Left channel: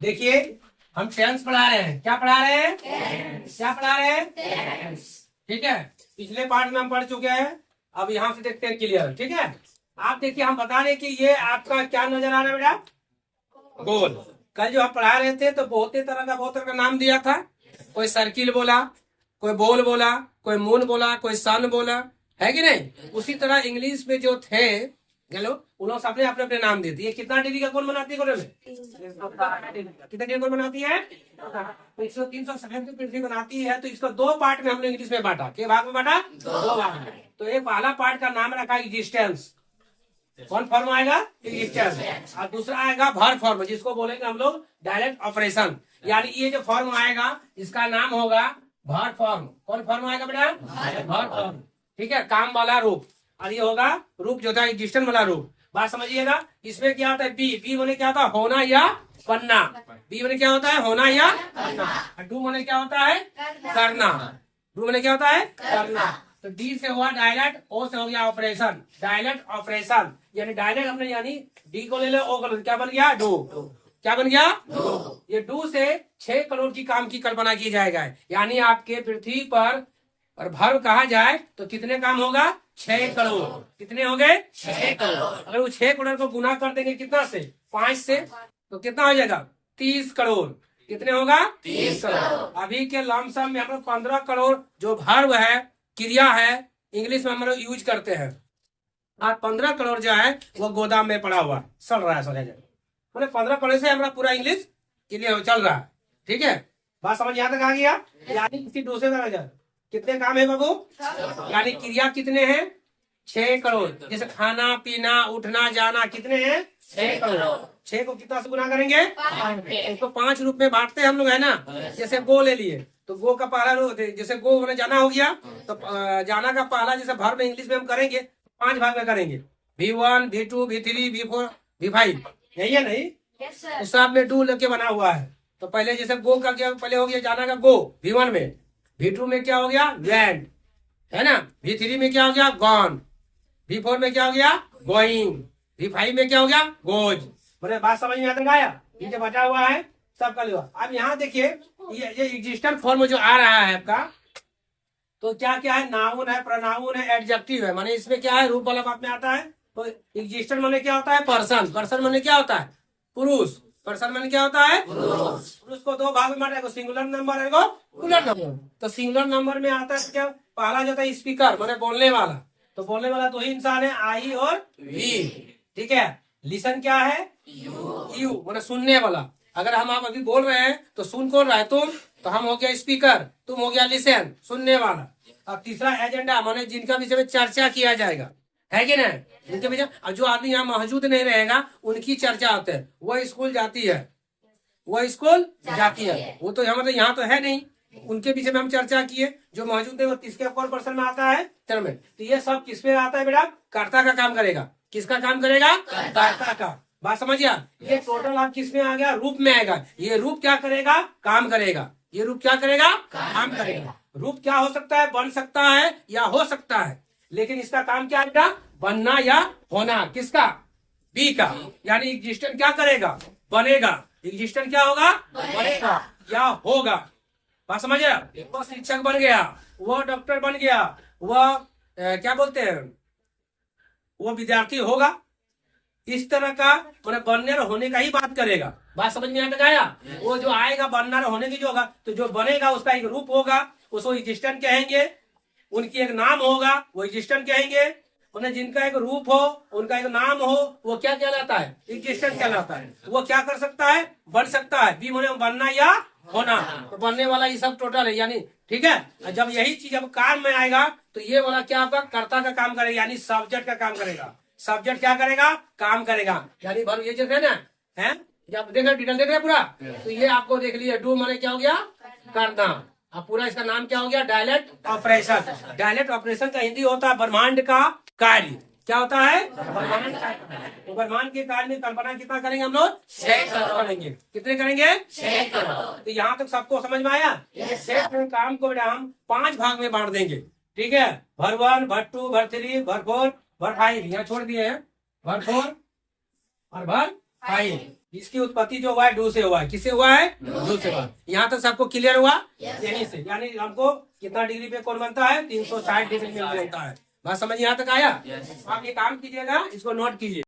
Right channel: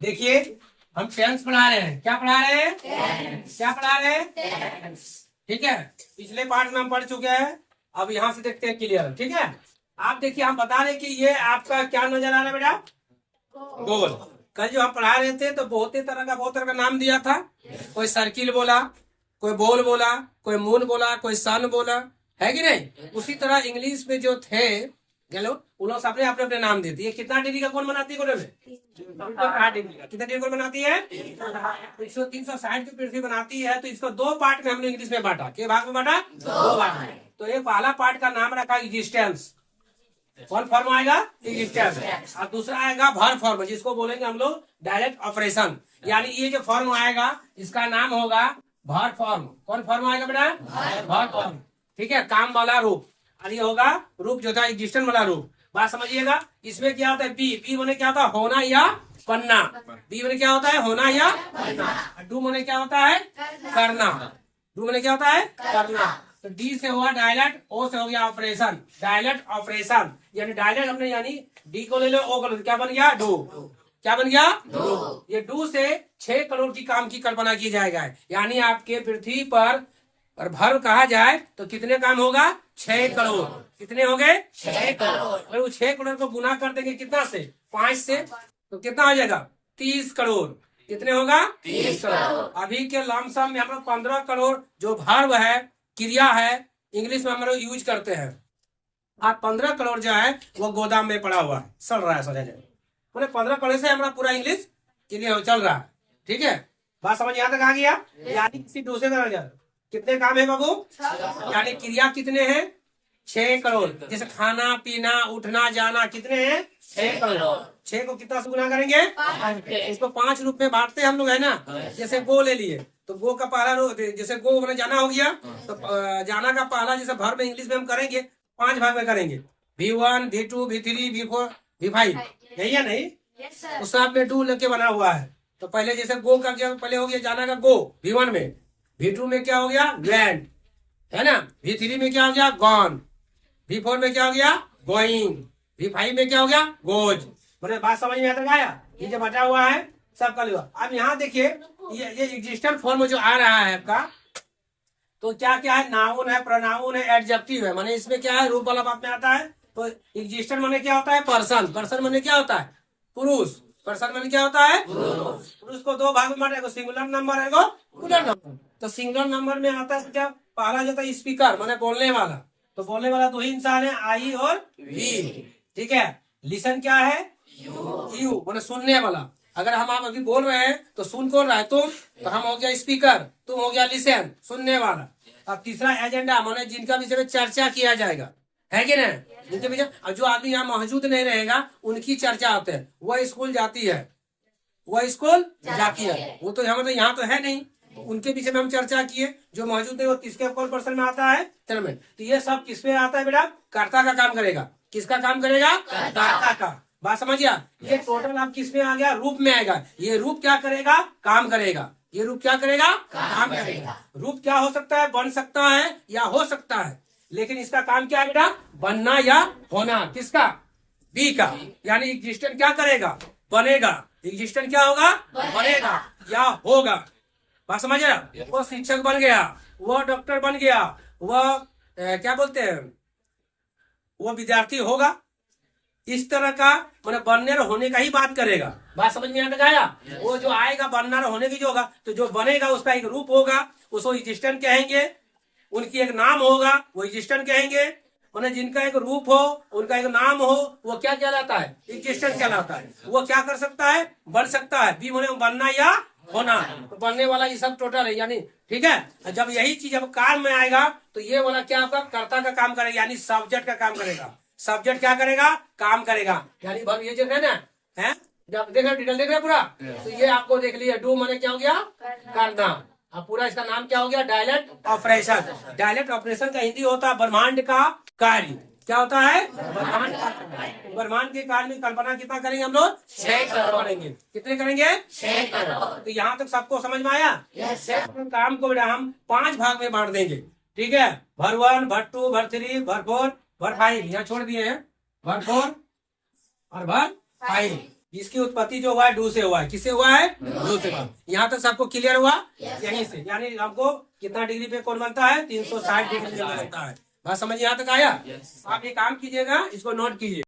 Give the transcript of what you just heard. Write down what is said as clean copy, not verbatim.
देखिए हम टेंस पढ़ा रहे हैं। क्या पढ़ा रहे हैं? क्या पढ़ा रहे हैं? ठीक है, पिछले पार्ट में हम पढ़ चुके हैं। अब यहाँ से देखते हैं क्लियर। ठीक है, आप देखिए हम बता रहे कि ये आपका क्या नजर आ रहा है बेटा? गोल। कल जो हम पढ़ा रहे थे तो बहुत तरह का नाम दिया था। कोई सर्किल बोला, कोई बॉल बोला, कोई मून बोला, कोई सन बोला, है कि नहीं? उसी तरह इंग्लिश में जो थे चलो उन्होंने सबने अपने अपने नाम दे दिए। कितना डिग्री का कोण बनाती है कोने में? 360 डिग्री का। कितना डिग्री कोण बनाती है? तो इसको 360 की पृथ्वी बनाती है। तो इसको दो पार्ट में हमने इंग्लिश में बांटा। के भाग में बांटा? दो भाग में। तो ये पहला पार्ट का नाम रखा एग्जिस्टेंस। कौन फॉर्म आएगा? एग्जिस्टेंस। और दूसरा आएगा भर फॉर्म, जिसको बोलेंगे हम लोग डायरेक्ट ऑपरेशन। यानी ये जो फॉर्म आएगा इसका नाम होगा भर फॉर्म। कौन फॉर्म आएगा बेटा? भर फॉर्म। ठीक है, काम वाला रूप। और ये होगा रूप जो था एग्जिस्टेंस वाला रूप। बात समझिएगा। इसमें क्या होता है? बी। बी मैंने क्या होता है? होना या बनना। बी मैंने क्या होता है? होना या बनना। डू मैंने क्या होता है? करना। डू मैंने क्या होता है? करना। तो डी से हुआ डायलेक्ट, ओ से हो गया ऑपरेशन। डायलेक्ट ऑपरेशन यानी डायलेक्ट हमने यानी डी को ले लो, ओ को ले लो, क्या बन गया? डू। क्या बन गया? डू। ये डू से 6 करोड़ की काम की कल्पना की जाएगा। यानी आपके पृथ्वी पर भर कहा जाए तो कितने काम होगा? 6 करोड़। कितने हो गए? 6 करोड़। अगर वो 6 करोड़ को गुना कर देंगे कितना से? 5 से, तो कितना हो जाएगा? 30 करोड़। कितने होगा? 30 करोड़। अभी के लमसम में हम लोग 15 करोड़ जो भर्व है, क्रिया है, इंग्लिश में हम लोग यूज करते हैं। और 15 करोड़ जो है वो गोदाम में पड़ा हुआ है, सड़ रहा है। समझा जाए मैंने 15 करोड़ से हमारा पूरा इंग्लिश क्लियर चल रहा है। ठीक है, बात समझ यहाँ तक आ गया? यानी किसी दूसरे का कितने काम है बाबू? यानी क्रिया कितने हैं? 6 करोड़। जैसे खाना पीना उठना जाना कितने हैं? 6 करोड़। 6 को कितना से गुना करेंगे? इसको 5 रूप में बांटते हैं हम लोग, है ना? जैसे गो ले लिए तो गो का पहला रूप, जैसे गो मैंने जाना हो गया तो जाना का पहला जैसे भर में इंग्लिश में हम करेंगे 5 भाग में करेंगे। V1, V2, V3, V4, V5, यही है नहीं? उस साथ में डू लेके बना हुआ है। तो पहले जैसे गो का क्या, पहले हो गया जाना का गो V1 में, V2 में क्या हो गया? वेंट, है ना? V3 में क्या हो गया? गॉन। V4 में क्या हो गया? गोइंग। V5 में क्या हो गया? गोज। मैंने बात समझ में आता आया? ये जो बचा हुआ है सब कल हुआ। अब यहाँ देखिए ये एग्जिस्टेंट फॉर्म जो आ रहा है आपका, तो क्या क्या है? नाउन है, प्रोनाउन है, एडजेक्टिव है। माने इसमें क्या है? रूप वाला बात में आता है। तो एग्जिस्टेंट माने क्या होता है? पर्सन। पर्सन माने क्या होता है? पुरुष। पर्सन माने क्या होता है? पुरुष को दो भाग में बांटा, सिंगुलर नंबर है, प्लूरल नंबर। तो सिंगुलर नंबर में आता है क्या? पहला जो था स्पीकर माने बोलने वाला। तो बोलने वाला दो ही इंसान है, आई और वी। ठीक है, लिसन क्या है? यू माने सुनने वाला। अगर हम आप अभी बोल रहे हैं तो सुन कौन रहा है? तुम। तो हम हो गया स्पीकर, तुम हो गया लिसन, सुनने वाला। अब तीसरा एजेंडा माने जिनका विषय में चर्चा किया जाएगा, है कि नहीं? जिनके विषय, जो आदमी यहाँ मौजूद नहीं रहेगा उनकी चर्चा होते है। वह स्कूल जाती है, वह स्कूल जाती है, वो तो यहाँ तो है नहीं, उनके विषय में हम चर्चा किए। जो मौजूद है वो किसके कौन पर्सन में आता है? टर्म में। तो ये सब किस में आता है बेटा? कर्ता का काम करेगा। किसका काम करेगा? कर्ता का। बात समझिए। ये टोटल आप किस में आ गया? रूप में आएगा। ये रूप क्या करेगा? काम करेगा। ये रूप क्या करेगा? काम करेगा। रूप क्या हो सकता है? बन सकता है या हो सकता है, लेकिन इसका काम क्या है बेटा? बनना या होना। किसका? बी का। यानी एग्जिस्टेंट क्या करेगा? बनेगा। एग्जिस्टेंट क्या होगा? बनेगा या होगा। बात समझे? वो शिक्षक बन गया, वो डॉक्टर बन गया, वह क्या बोलते हैं, वो विद्यार्थी होगा। इस तरह का मतलब बनने और होने का ही बात करेगा। बात समझ में आया? वो जो आएगा बनना और होने की जो होगा, तो जो बनेगा उसका एक रूप होगा, उसको एग्जिस्टेंट कहेंगे। उनकी एक नाम होगा, वो एग्जिस्टेंट कहेंगे। उन्हें जिनका एक रूप हो, उनका एक नाम हो, वो क्या कहलाता है? एग्जिस्टेंट कहलाता है। वो क्या कर सकता है? बन सकता है। बी होने बनना या होना। तो बनने वाला ये सब टोटल है। यानी ठीक है, जब यही चीज अब काम में आएगा तो ये वाला क्या आपका कर्ता का काम करेगा, यानी सब्जेक्ट का काम करेगा। सब्जेक्ट क्या करेगा? काम करेगा। यानी ये जो है ना, है जब देख रहे डिटेल देख रहे पूरा, तो ये आपको देख लिया। डू माने क्या हो गया? करना। अब पूरा इसका नाम क्या हो गया? Dialect operation. डायलेक्ट ऑपरेशन का हिंदी होता है ब्रह्मांड का कार्य। क्या होता है? ब्रह्मांड का कार्य। ब्रह्मांड के कार्य में कल्पना कितना करेंगे हम लोग? 6 करोड़ करेंगे। कितने करेंगे? 6 करोड़। तो यहाँ तक सबको समझ में आया? 6 करोड़ काम को हम 5 भाग में बांट देंगे। ठीक है, भर 1, भर 2, भर 3, भर 4, भर 5 यहाँ छोड़ दिए हैं। भर 4 और भर 5। इसकी उत्पत्ति जो हुआ है डू से हुआ है। किससे हुआ है? डू से हुआ। यहाँ तक सबको क्लियर हुआ? यहीं से यानी हमको कितना डिग्री पे कोण बनता है? 360 डिग्री पे बनता है। बात समझ यहाँ तक आया? आप ये काम कीजिएगा, इसको नोट कीजिए।